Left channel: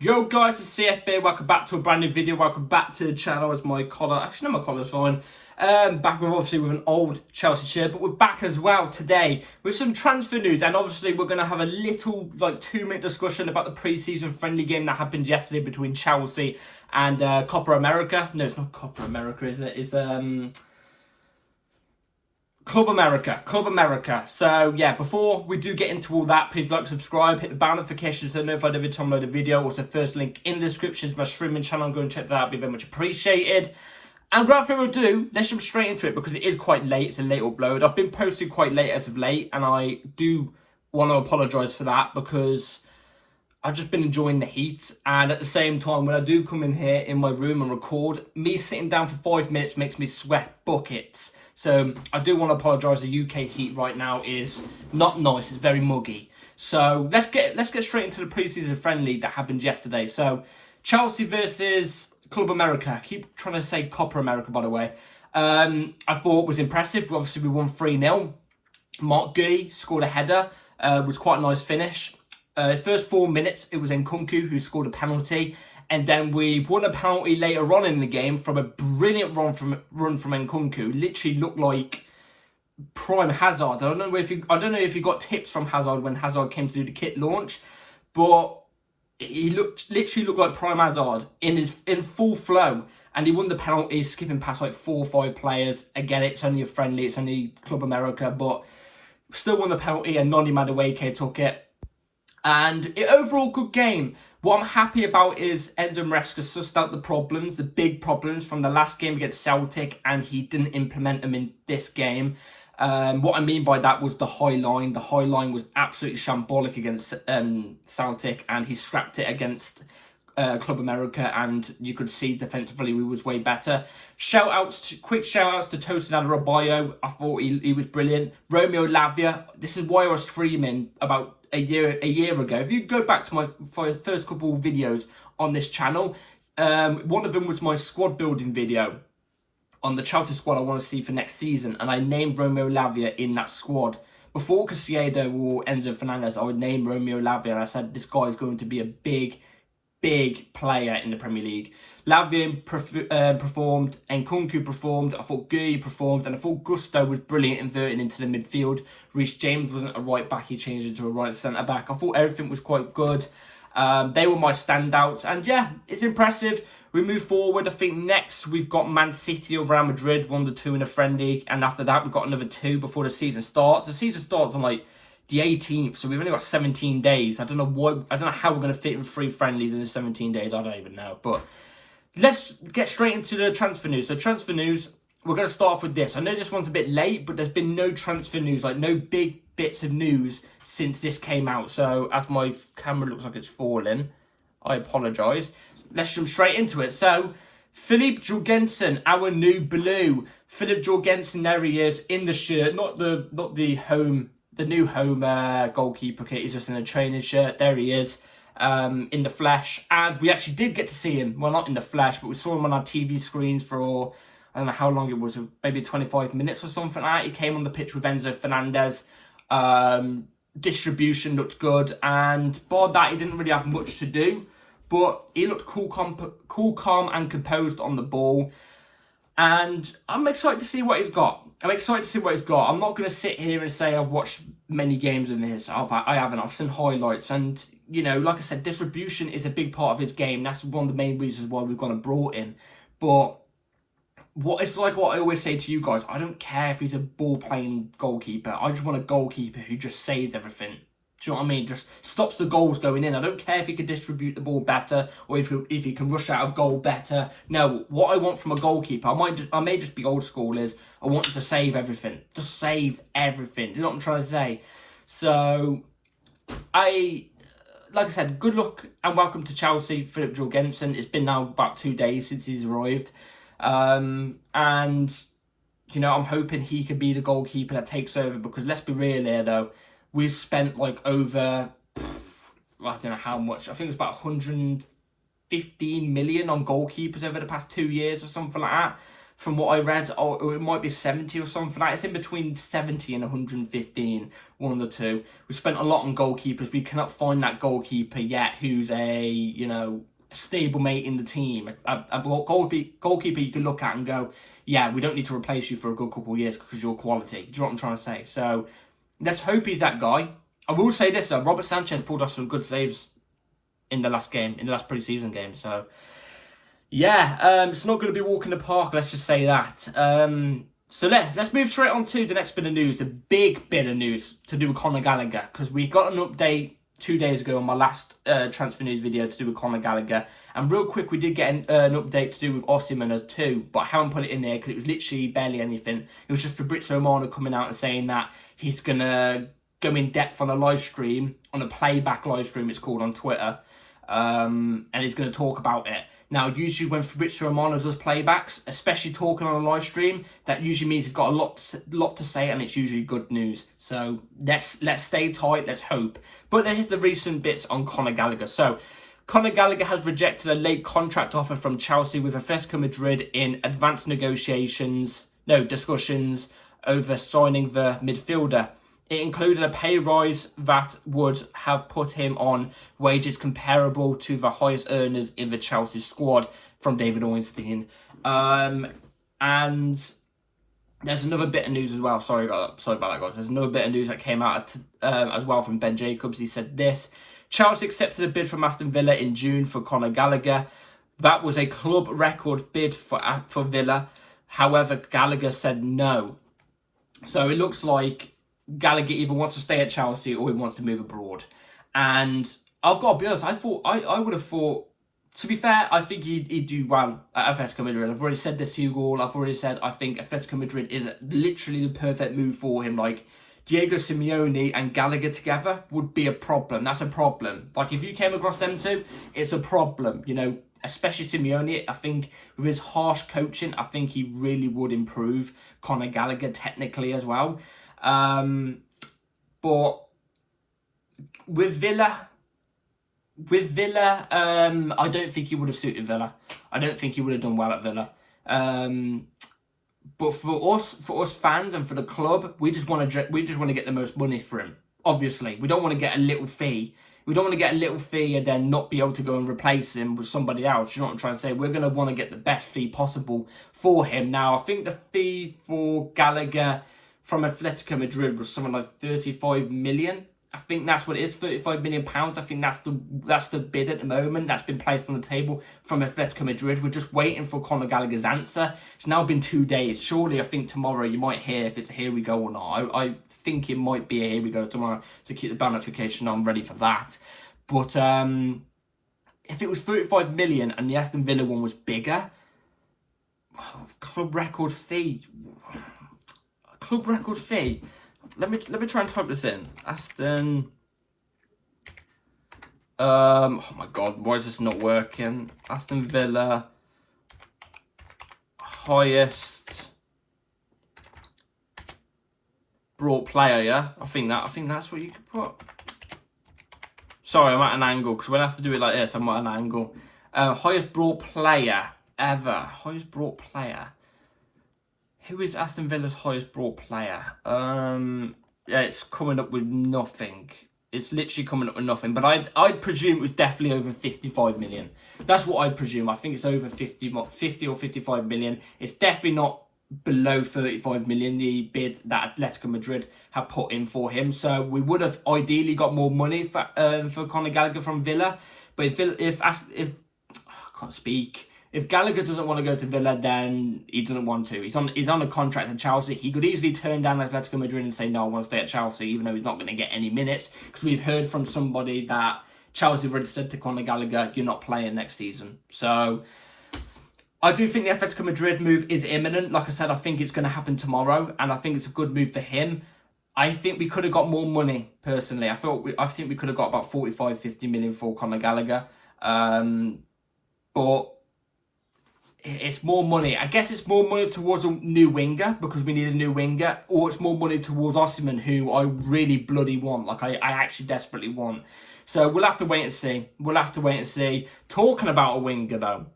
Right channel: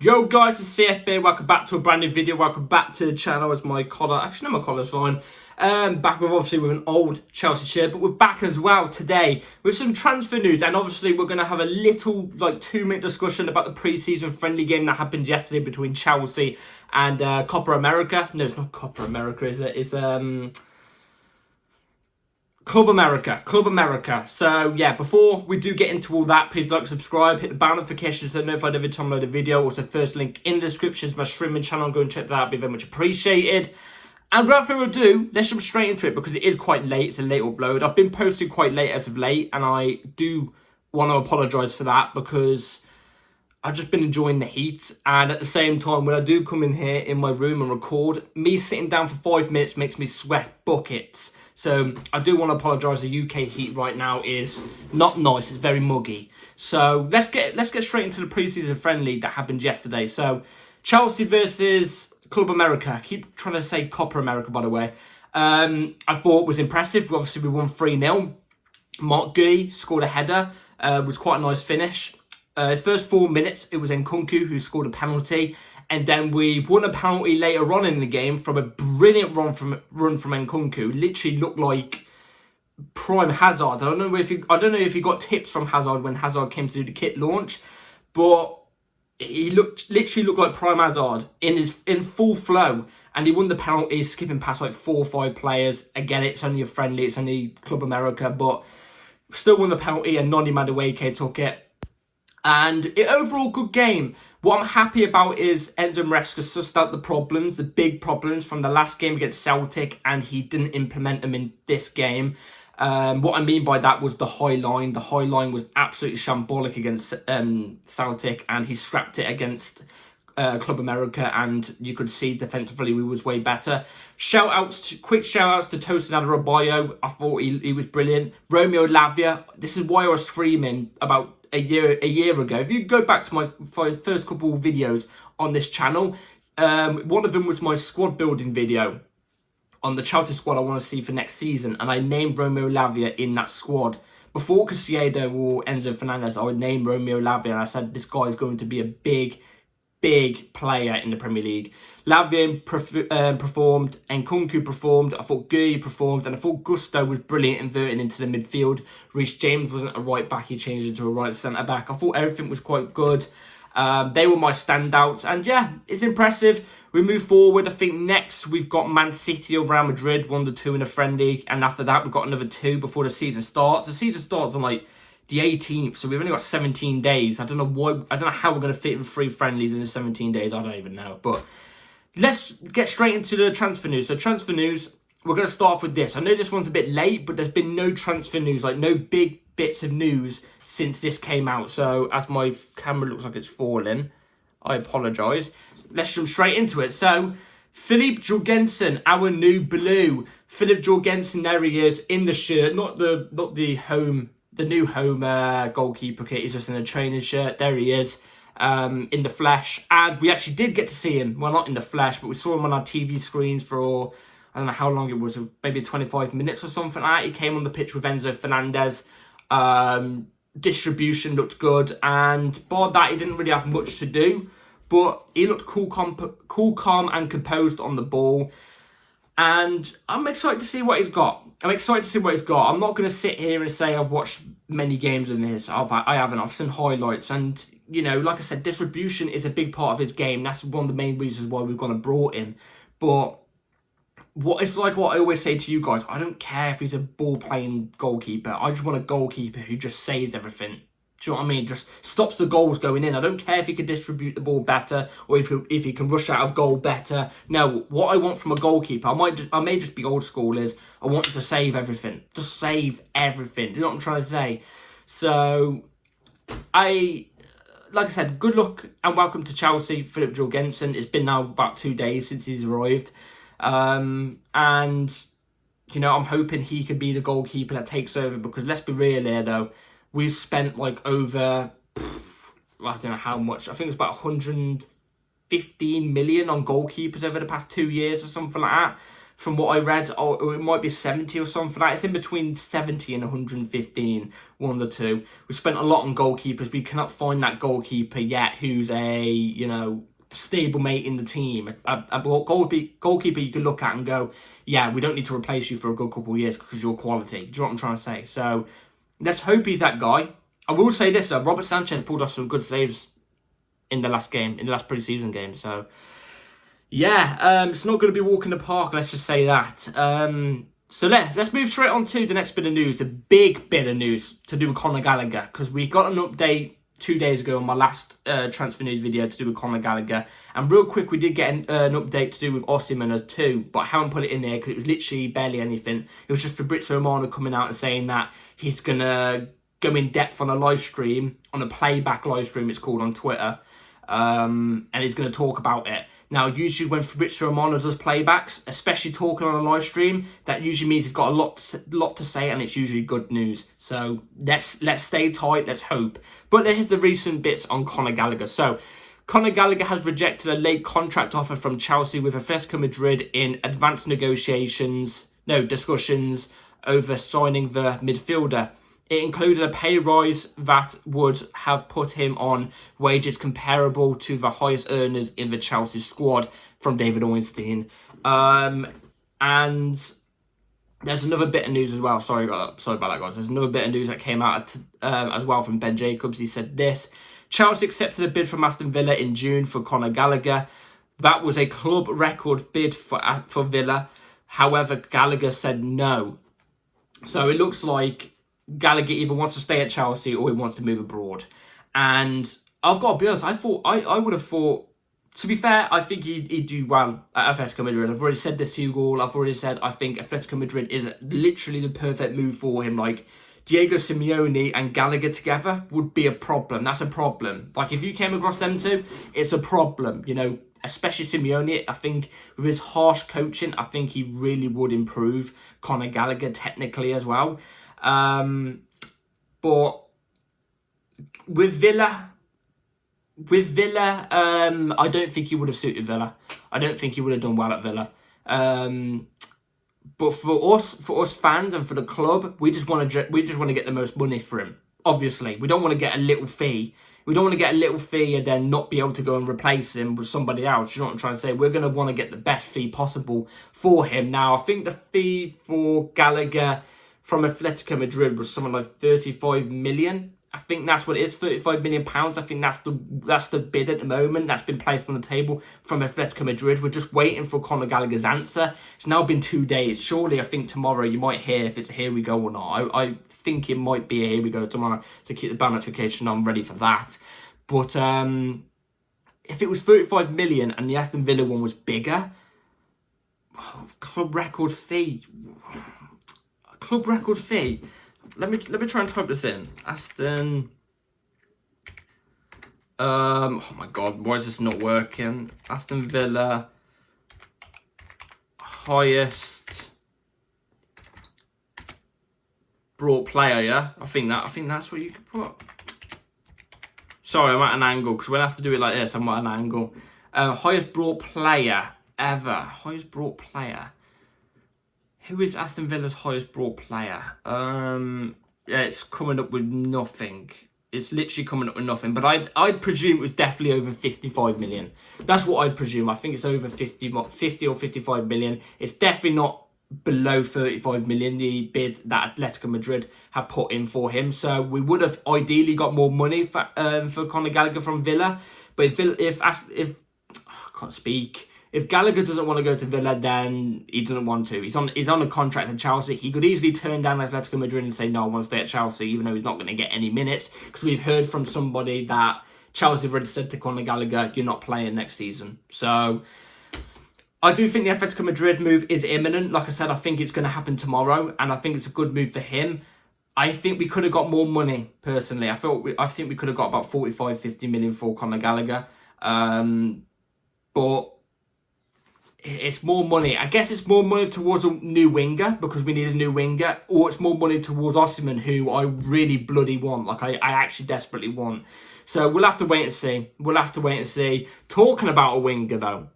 Yo guys, it's CFB. Welcome back to a brand new video. Welcome back to the channel. As my collar, actually no, my collar's fine. Back with obviously with an old Chelsea shirt, but we're back as well today with some transfer news, and obviously we're going to have a little 2-minute discussion about the pre-season friendly game that happened yesterday between Chelsea and Copa America. No, it's not Copa America, is it? It's Club America. So yeah, before we do get into all that, please like, subscribe, hit the bell notifications so notified every time I load a video. Also, first link in the description is my streaming channel. Go and check that out, be very much appreciated. And without further ado, let's jump straight into it because it is quite late. It's a late upload. I've been posting quite late as of late, and I do want to apologise for that because I've just been enjoying the heat, and at the same time, when I do come in here in my room and record, me sitting down for 5 minutes makes me sweat buckets. So I do want to apologise. The UK heat right now is not nice. It's very muggy. So let's get straight into the pre-season friendly that happened yesterday. So Chelsea versus Club America. I keep trying to say Copa America, by the way. I thought was impressive. Obviously, we won 3-0. Mark Guy scored a header. Was quite a nice finish. First 4 minutes, it was Nkunku who scored a penalty. And then we won a penalty later on in the game from a brilliant run from Nkunku. Literally looked like prime Hazard. I don't know if you got tips from Hazard when Hazard came to do the kit launch, but he literally looked like prime Hazard in full flow. And he won the penalty, skipping past like 4 or 5 players. Again, it's only a friendly, it's only Club America, but still won the penalty, and Noni Madueke took it. And overall good game. What I'm happy about is Enzo Maresca sussed out the big problems from the last game against Celtic, and he didn't implement them in this game. What I mean by that was the high line. The high line was absolutely shambolic against Celtic, and he scrapped it against Club America, and you could see defensively we was way better. Quick shout outs to Tosin Adarabioyo. I thought he was brilliant. Romeo Lavia. This is why I was screaming about a year ago. If you go back to my first couple of videos on this channel, one of them was my squad building video on the Chelsea squad I want to see for next season, and I named Romeo Lavia in that squad. Before Caicedo or Enzo Fernandez, I would name Romeo Lavia, and I said this guy is going to be a big player in the Premier League. Lavia performed, Nkunku performed, I thought Guy performed, and I thought Gusto was brilliant inverting into the midfield. Reece James wasn't a right back, he changed into a right centre back. I thought everything was quite good. They were my standouts, and yeah, it's impressive. We move forward. I think next we've got Man City or Real Madrid, 1-2 in a friendly, and after that we've got another 2 before the season starts. The season starts on the 18th, so we've only got 17 days. I don't know how we're going to fit in 3 friendlies in the 17 days. I don't even know. But let's get straight into the transfer news. So transfer news, we're going to start off with this. I know this one's a bit late, but there's been no transfer news, no big bits of news since this came out. So as my camera looks like it's falling, I apologise. Let's jump straight into it. So Filip Jorgensen, our new blue. Filip Jorgensen, there he is in the shirt, not the new home goalkeeper kit. He's just in a training shirt. There he is in the flesh. And we actually did get to see him. Well, not in the flesh, but we saw him on our TV screens for, I don't know how long it was, maybe 25 minutes or something like that. He came on the pitch with Enzo Fernandez. Distribution looked good. And bar that, he didn't really have much to do. But he looked cool, calm and composed on the ball. And I'm excited to see what he's got. I'm not going to sit here and say I've watched many games in this. I haven't. I've seen highlights. And, like I said, distribution is a big part of his game. That's one of the main reasons why we've gone and brought him. But it's like what I always say to you guys. I don't care if he's a ball-playing goalkeeper. I just want a goalkeeper who just saves everything. Do you know what I mean? Just stops the goals going in. I don't care if he can distribute the ball better or if he can rush out of goal better. No, what I want from a goalkeeper, I may just be old school, is I want him to save everything. Just save everything. Do you know what I'm trying to say? So, like I said, good luck and welcome to Chelsea, Filip Jorgensen. It's been now about 2 days since he's arrived. And, I'm hoping he can be the goalkeeper that takes over, because let's be real here, though. We've spent over, I don't know how much. I think it's about 115 million on goalkeepers over the past 2 years or something like that. from what I read, or it might be 70 or something. It's in between 70 and 115, one of the two. We spent a lot on goalkeepers. We cannot find that goalkeeper yet who's a stable mate in the team. A goalkeeper you can look at and go, yeah, we don't need to replace you for a good couple of years because you're quality. Do you know what I'm trying to say? So let's hope he's that guy. I will say this, Robert Sanchez pulled off some good saves in the last preseason game. So yeah, it's not going to be a walk in the park, let's just say that. So let's move straight on to the next bit of news, the big bit of news to do with Conor Gallagher, because we got an update 2 days ago on my last transfer news video to do with Conor Gallagher. And real quick, we did get an update to do with Osimhen as too, but I haven't put it in there because it was literally barely anything. It was just Fabrizio Romano coming out and saying that he's going to go in depth on a live stream, on a playback live stream it's called on Twitter, and he's going to talk about it. Now, usually when Fabrizio Romano does playbacks, especially talking on a live stream, that usually means he's got a lot to say, and it's usually good news. So let's stay tight, let's hope. But here's the recent bits on Conor Gallagher. So Conor Gallagher has rejected a late contract offer from Chelsea with Atletico Madrid in advanced discussions over signing the midfielder. It included a pay rise that would have put him on wages comparable to the highest earners in the Chelsea squad, from David Ornstein. And there's another bit of news as well. Sorry about that, guys. There's another bit of news that came out as well from Ben Jacobs. He said this: Chelsea accepted a bid from Aston Villa in June for Conor Gallagher. That was a club record bid for Villa. However, Gallagher said no. So it looks like Gallagher either wants to stay at Chelsea or he wants to move abroad. And I've got to be honest, I would have thought, to be fair, I think he'd do well at Atletico Madrid. I've already said this to you all. I've already said I think Atletico Madrid is literally the perfect move for him. Like, Diego Simeone and Gallagher together would be a problem. That's a problem. Like, if you came across them two, it's a problem. You know, especially Simeone, I think with his harsh coaching, I think he really would improve Conor Gallagher technically as well. But with Villa, I don't think he would have suited Villa. I don't think he would have done well at Villa. But for us fans and for the club, we just want to get the most money for him. Obviously, we don't want to get a little fee. We don't want to get a little fee and then not be able to go and replace him with somebody else. You know what I'm trying to say? We're going to want to get the best fee possible for him. Now, I think the fee for Gallagher from Atletico Madrid was something like 35 million. I think that's what it is, £35 million. I think that's the bid at the moment that's been placed on the table from Atletico Madrid. We're just waiting for Conor Gallagher's answer. It's now been 2 days. Surely, I think tomorrow you might hear if it's a here we go or not. I think it might be a here we go tomorrow, to keep the bell notification on ready for that. But if it was 35 million and the Aston Villa one was bigger, club record fee. Let me try and type this in. Aston. Oh my God, why is this not working? Aston Villa highest brought player. Yeah, I think that's what you could put. Sorry, I'm at an angle because when I have to do it like this, I'm at an angle. Highest brought player ever. Highest brought player. Who is Aston Villa's highest brought player? Yeah, it's coming up with nothing. It's literally coming up with nothing. But I'd presume it was definitely over 55 million. That's what I'd presume. I think it's over 50 or 55 million. It's definitely not below 35 million, the bid that Atletico Madrid have put in for him. So we would have ideally got more money for Conor Gallagher from Villa. But if I can't speak. If Gallagher doesn't want to go to Villa, then he doesn't want to. He's on a contract at Chelsea. He could easily turn down Atletico Madrid and say, no, I want to stay at Chelsea, even though he's not going to get any minutes. Because we've heard from somebody that Chelsea have already said to Conor Gallagher, you're not playing next season. So I do think the Atletico Madrid move is imminent. Like I said, I think it's going to happen tomorrow. And I think it's a good move for him. I think we could have got more money, personally. I think we could have got about 45, 50 million for Conor Gallagher. But it's more money. I guess it's more money towards a new winger because we need a new winger, or it's more money towards Osimhen, who I really bloody want. Like, I actually desperately want. So we'll have to wait and see. Talking about a winger, though,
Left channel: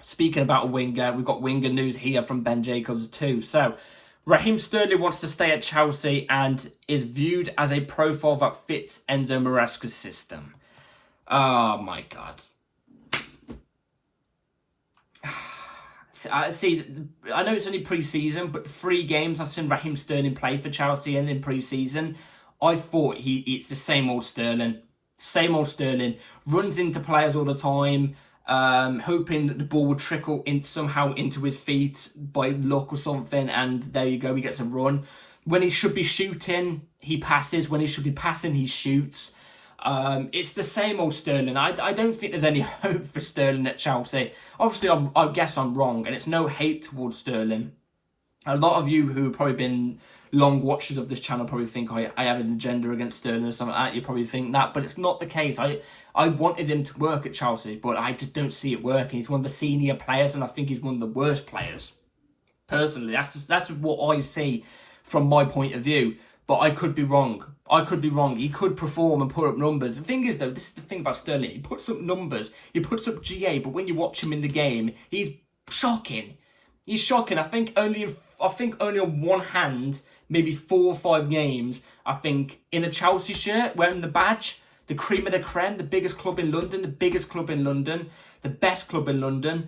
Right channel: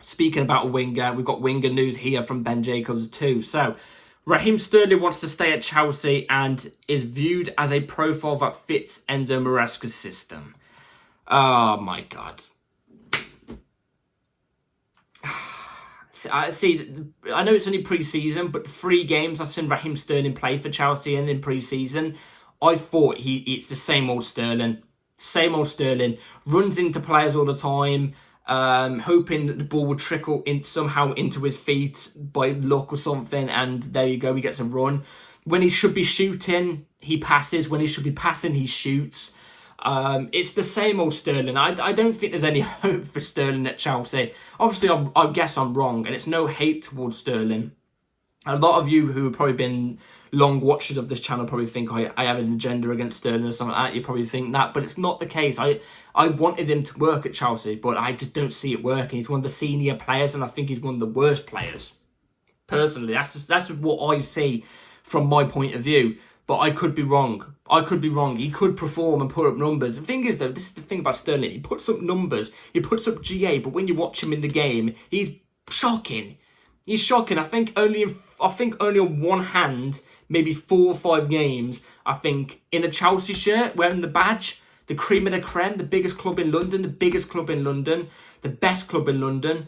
Speaking about a winger, we've got winger news here from Ben Jacobs too. So, Raheem Sterling wants to stay at Chelsea and is viewed as a profile that fits Enzo Maresca's system. Oh my God. See, I know it's only pre-season, but 3 games I've seen Raheem Sterling play for Chelsea and in pre-season, I thought it's the same old Sterling. Same old Sterling. Runs into players all the time, hoping that the ball would trickle somehow into his feet by luck or something, and there you go, he gets a run. When he should be shooting, he passes. When he should be passing, he shoots. It's the same old Sterling. I don't think there's any hope for Sterling at Chelsea. Obviously, I guess I'm wrong, and it's no hate towards Sterling. A lot of you who have probably been long watchers of this channel probably think I have an agenda against Sterling or something like that. You probably think that, but it's not the case. I wanted him to work at Chelsea, but I just don't see it working. He's one of the senior players, and I think he's one of the worst players. Personally, that's what I see from my point of view. But I could be wrong. I could be wrong. He could perform and put up numbers. The thing is, though, this is the thing about Sterling. He puts up numbers. He puts up GA, but when you watch him in the game, he's shocking. He's shocking. I think only on one hand, maybe 4 or 5 games, I think, in a Chelsea shirt, wearing the badge, the cream of the creme, the biggest club in London, the biggest club in London, the best club in London.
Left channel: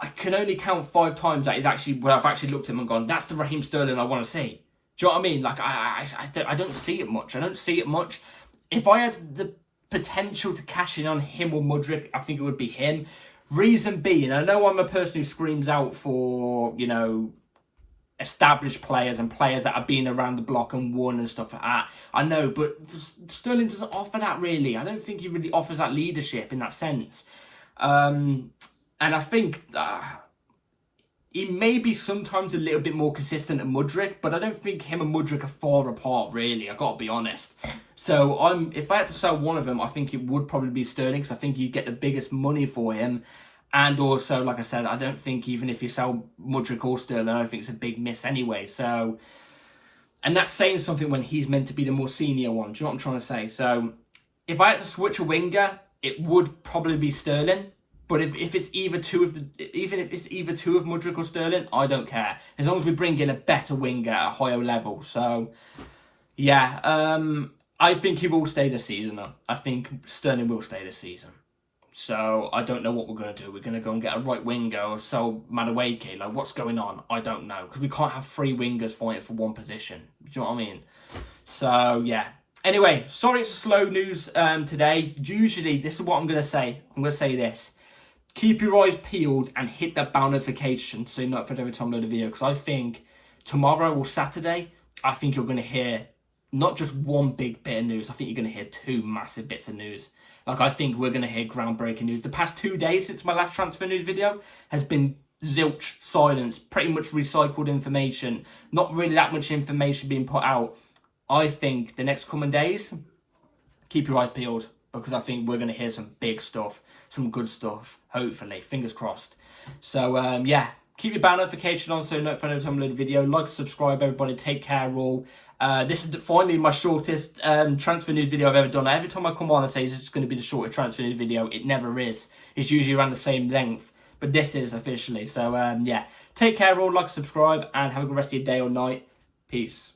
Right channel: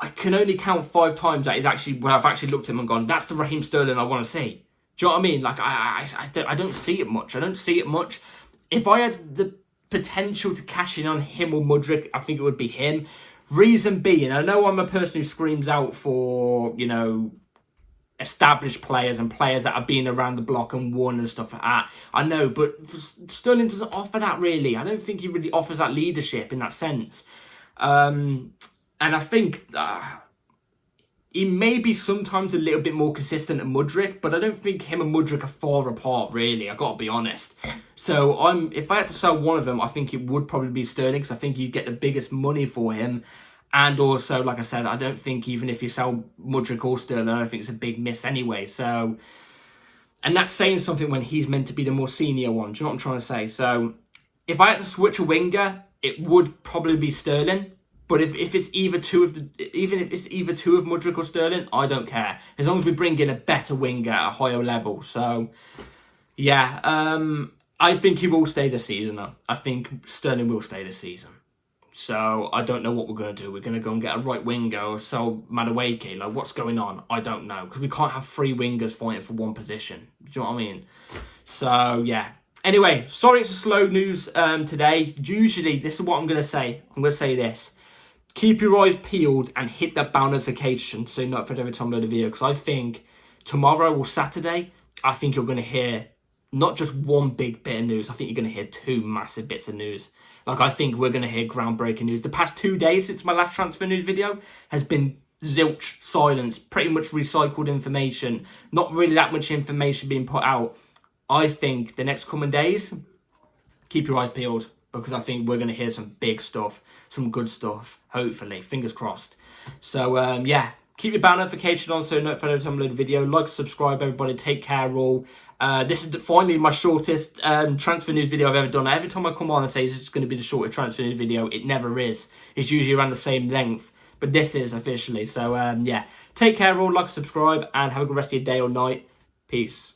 I can only count 5 times that is actually where I've actually looked at him and gone, that's the Raheem Sterling I want to see. Do you know what I mean? Like, I don't see it much. I don't see it much. If I had the potential to cash in on him or Mudryk, I think it would be him. Reason being, I know I'm a person who screams out for, you know, established players and players that have been around the block and won and stuff like that. I know, but Sterling doesn't offer that really. I don't think he really offers that leadership in that sense. And I think he may be sometimes a little bit more consistent than Mudryk, but I don't think him and Mudryk are far apart, really. I've got to be honest. So if I had to sell one of them, I think it would probably be Sterling, because I think you'd get the biggest money for him. And also, like I said, I don't think even if you sell Mudryk or Sterling, I don't think it's a big miss anyway. So, and that's saying something when he's meant to be the more senior one. Do you know what I'm trying to say? So, if I had to switch a winger, it would probably be Sterling. But if it's either two of Mudryk or Sterling, I don't care. As long as we bring in a better winger at a higher level. So, yeah, I think he will stay this season. I think Sterling will stay this season. So, I don't know what we're going to do. We're going to go and get a right winger or sell Madueke. Like, what's going on? I don't know. Because we can't have 3 wingers fighting for one position. Do you know what I mean? So, yeah. Anyway, sorry it's a slow news today. Usually, this is what I'm going to say. I'm going to say this. Keep your eyes peeled and hit that bell notification so you're not for every time I load a video. Because I think tomorrow or Saturday, I think you're going to hear not just one big bit of news. I think you're going to hear 2 massive bits of news. Like, I think we're going to hear groundbreaking news. The past 2 days since my last transfer news video has been zilch, silence, pretty much recycled information. Not really that much information being put out. I think the next coming days, keep your eyes peeled. Because I think we're going to hear some big stuff, some good stuff, hopefully, fingers crossed. So, yeah, keep your bell notification on so you're notified every time I load a video. Like, subscribe, everybody. Take care, all. This is finally my shortest transfer news video I've ever done. Every time I come on and say this is going to be the shortest transfer news video, it never is. It's usually around the same length. But this is officially. So, yeah, take care, all. Like, subscribe, and have a good rest of your day or night. Peace.